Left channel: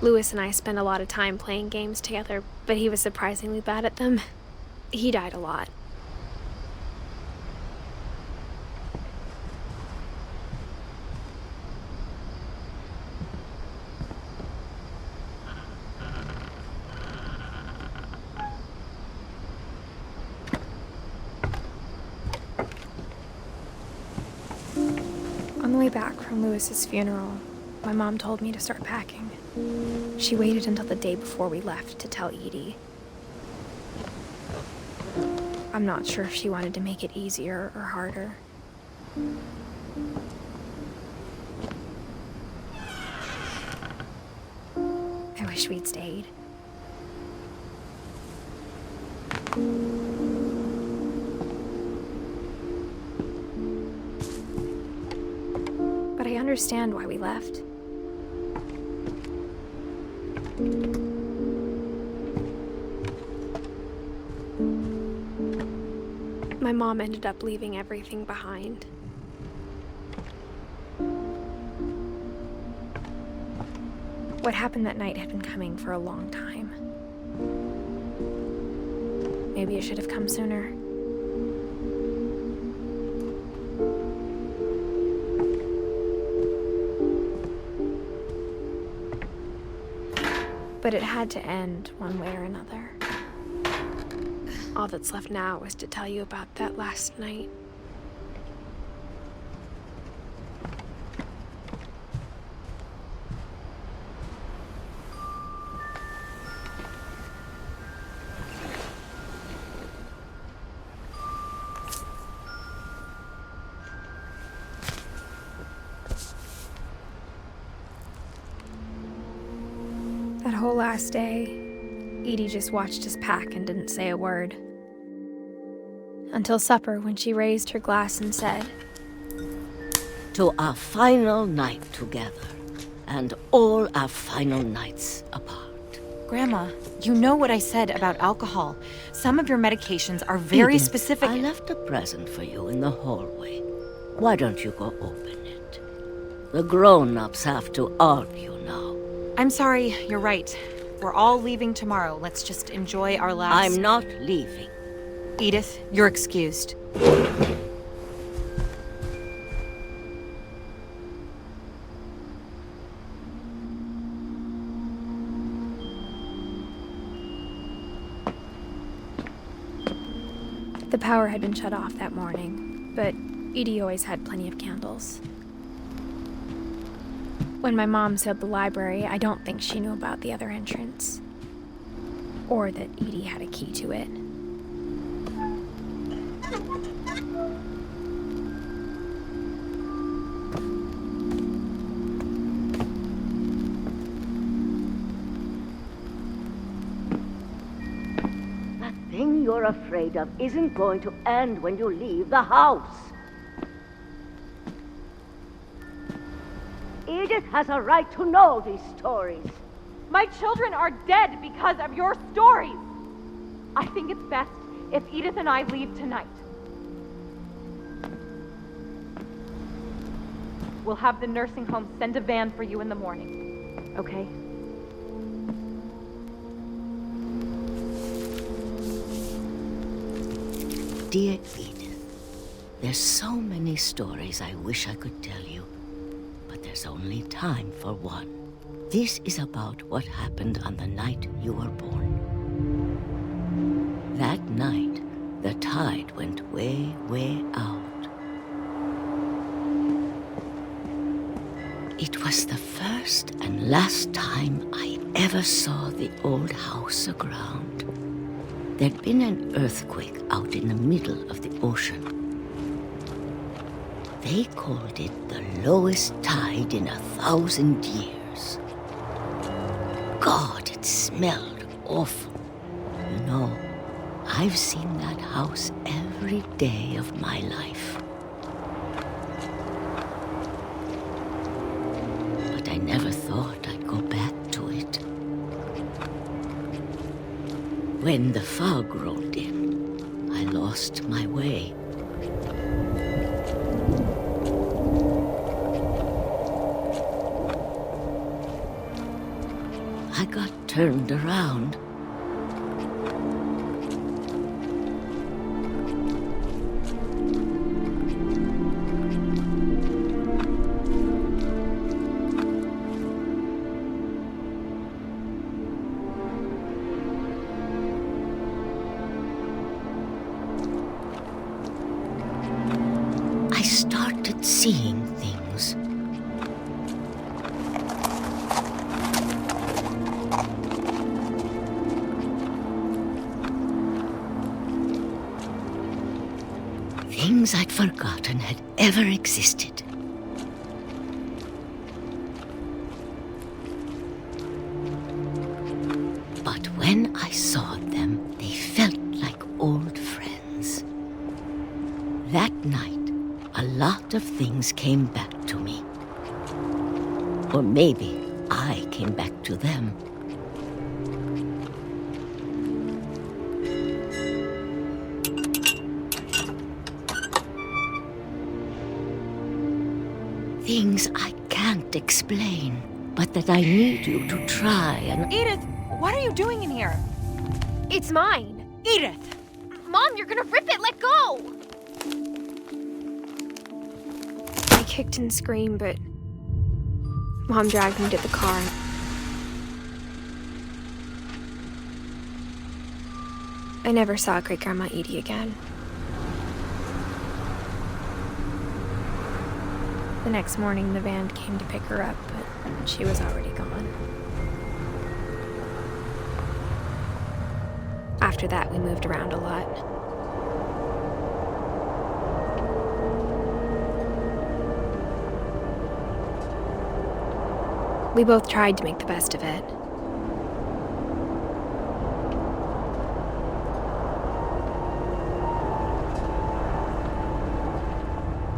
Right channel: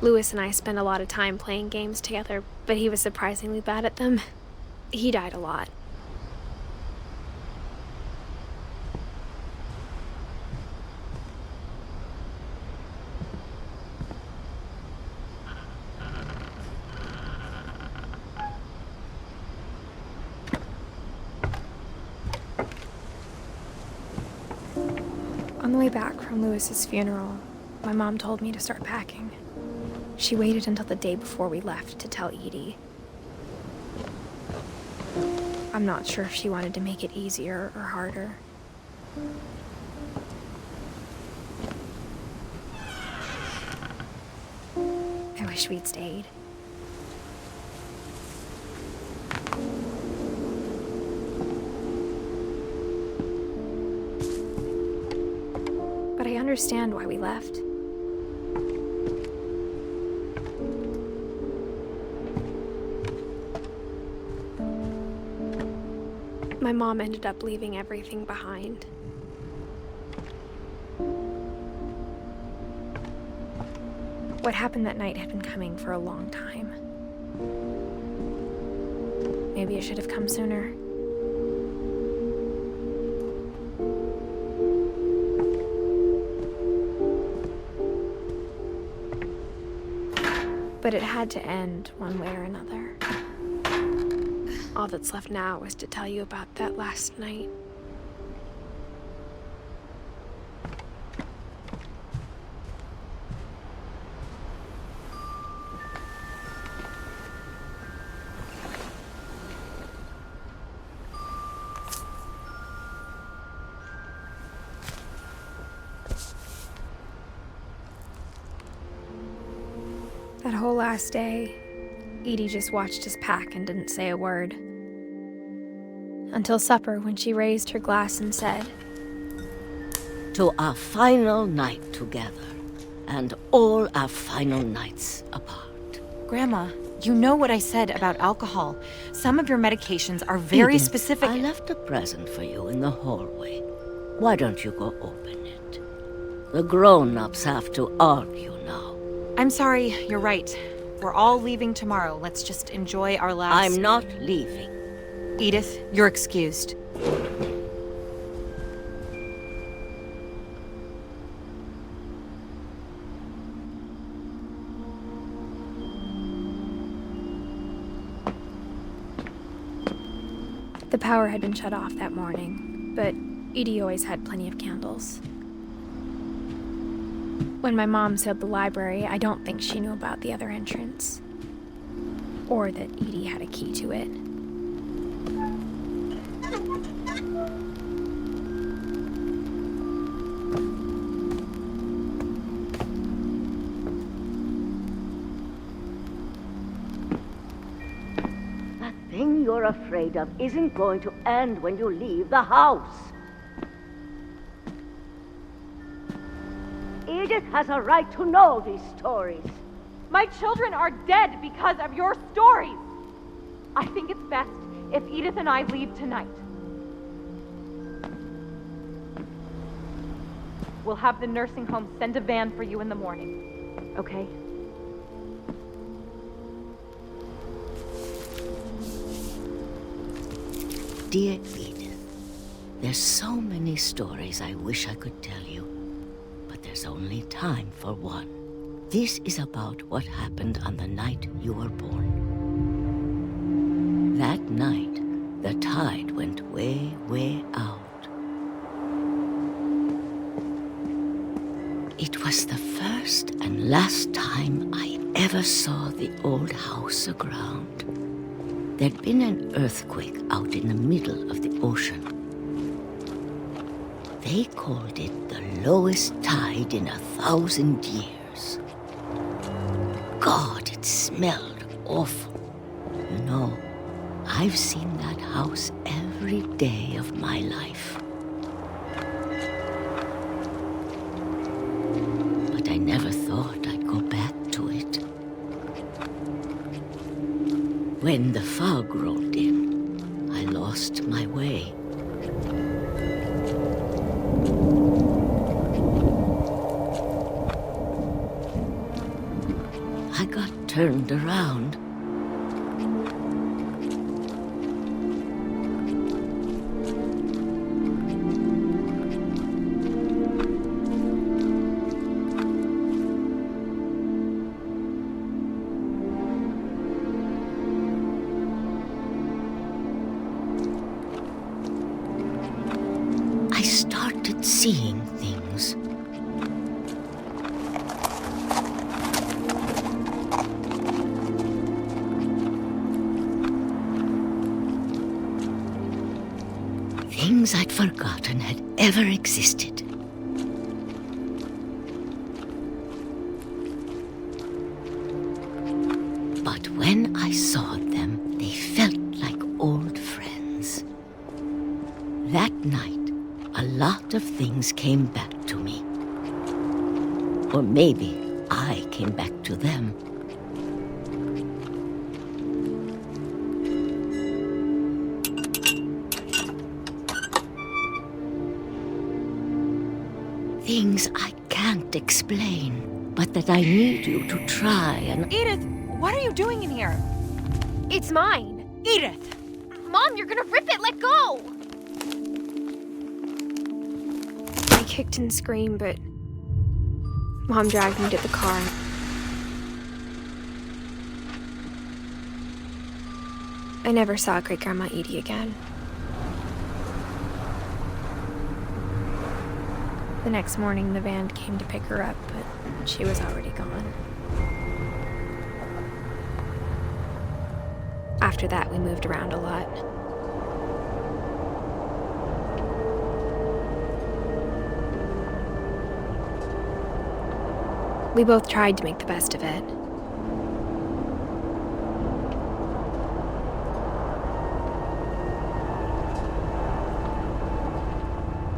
Lewis and I spent a lot of time playing games together, but he was surprisingly bad at them. He died a lot. On the way back from Lewis's funeral, my mom told me to start packing. She waited until the day before we left to tell Edie. I'm not sure if she wanted to make it easier or harder. I wish we'd stayed. But I understand why we left. My mom ended up leaving everything behind. What happened that night had been coming for a long time. Maybe it should have come sooner. But it had to end one way or another. All that's left now is to tell you about that last night. That whole last day, Edie just watched us pack and didn't say a word. Until supper, when she raised her glass and said, "To our final night together, and all our final nights apart." Grandma, you know what I said about alcohol. Some of your medications are very Edith, specific. I left a present for you in the hallway. Why don't you go open it? The grown-ups have to argue now. I'm sorry, you're right. We're all leaving tomorrow. Let's just enjoy our last... I'm not leaving. Edith, you're excused. The power had been shut off that morning, but Edie always had plenty of candles. When my mom sealed the library, I don't think she knew about the other entrance. Or that Edie had a key to it. That thing you're afraid of isn't going to end when you leave the house. Edith has a right to know these stories. My children are dead because of your stories. I think it's best if Edith and I leave tonight. We'll have the nursing home send a van for you in the morning, okay? Dear Edith, there's so many stories I wish I could tell you, but there's only time for one. This is about what happened on the night you were born. That night, the tide went way, way out. It was the first and last time I ever saw the old house aground. There'd been an earthquake out in the middle of the ocean. They called it the lowest tide in 1,000 years. God, it smelled awful. You know, I've seen that house every day of my life. But I never thought I'd go back to it. When the fog rolled in, I lost my way. I got turned around. I started seeing things. Things I'd forgotten had ever existed. But when I saw them, they felt like old friends. That night, a lot of things came back to me. Or maybe I came back to them. Things I can't explain, but that I need you to try and... Edith, what are you doing in here? It's mine! Edith! Mom, you're gonna rip it! Let go! I kicked and screamed, but Mom dragged me to the car. I never saw Great-Grandma Edie again. The next morning, the van came to pick her up, but she was already gone. After that, we moved around a lot. We both tried to make the best of it.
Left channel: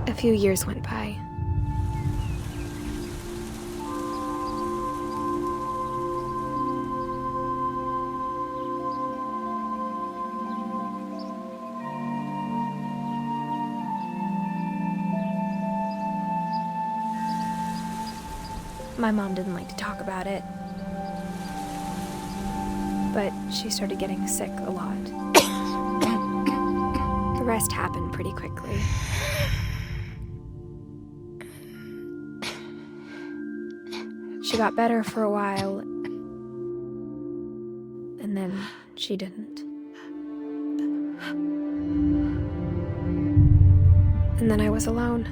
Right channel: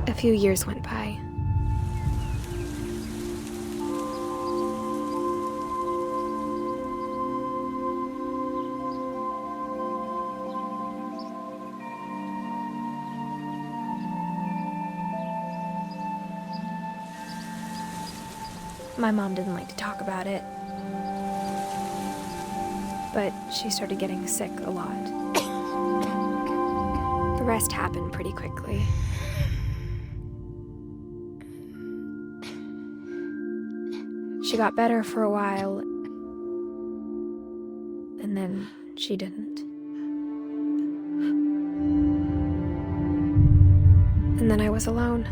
A few years went by. My mom didn't like to talk about it, but she started getting sick a lot. The rest happened pretty quickly. She got better for a while, and then she didn't. And then I was alone.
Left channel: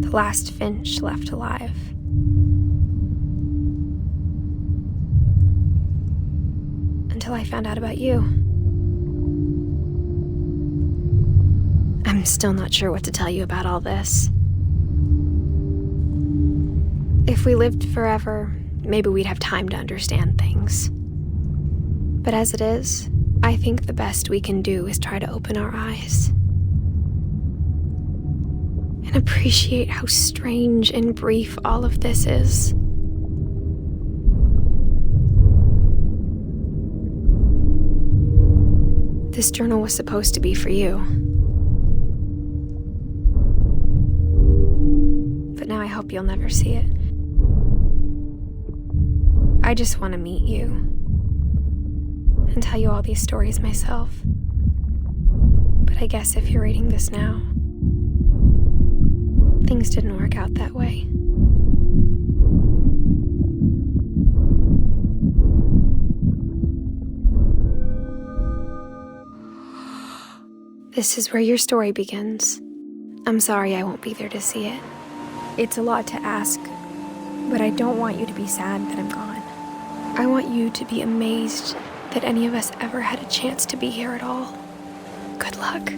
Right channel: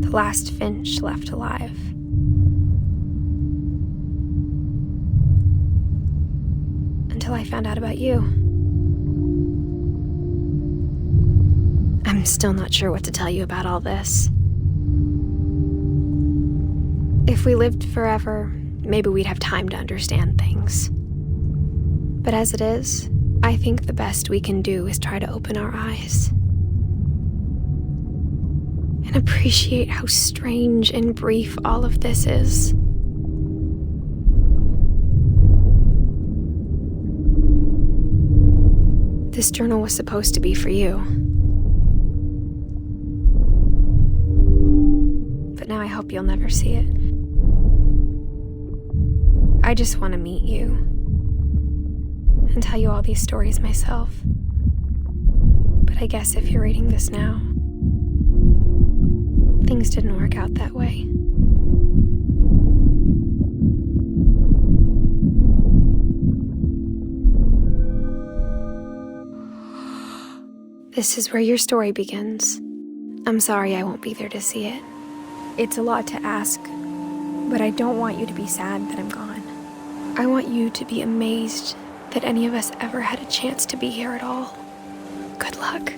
The last Finch left alive. Until I found out about you. I'm still not sure what to tell you about all this. If we lived forever, maybe we'd have time to understand things. But as it is, I think the best we can do is try to open our eyes. And appreciate how strange and brief all of this is. This journal was supposed to be for you. But now I hope you'll never see it. I just want to meet you and tell you all these stories myself. But I guess if you're reading this now, things didn't work out that way. This is where your story begins. I'm sorry I won't be there to see it. It's a lot to ask, but I don't want you to be sad that I'm gone. I want you to be amazed that any of us ever had a chance to be here at all. Good luck.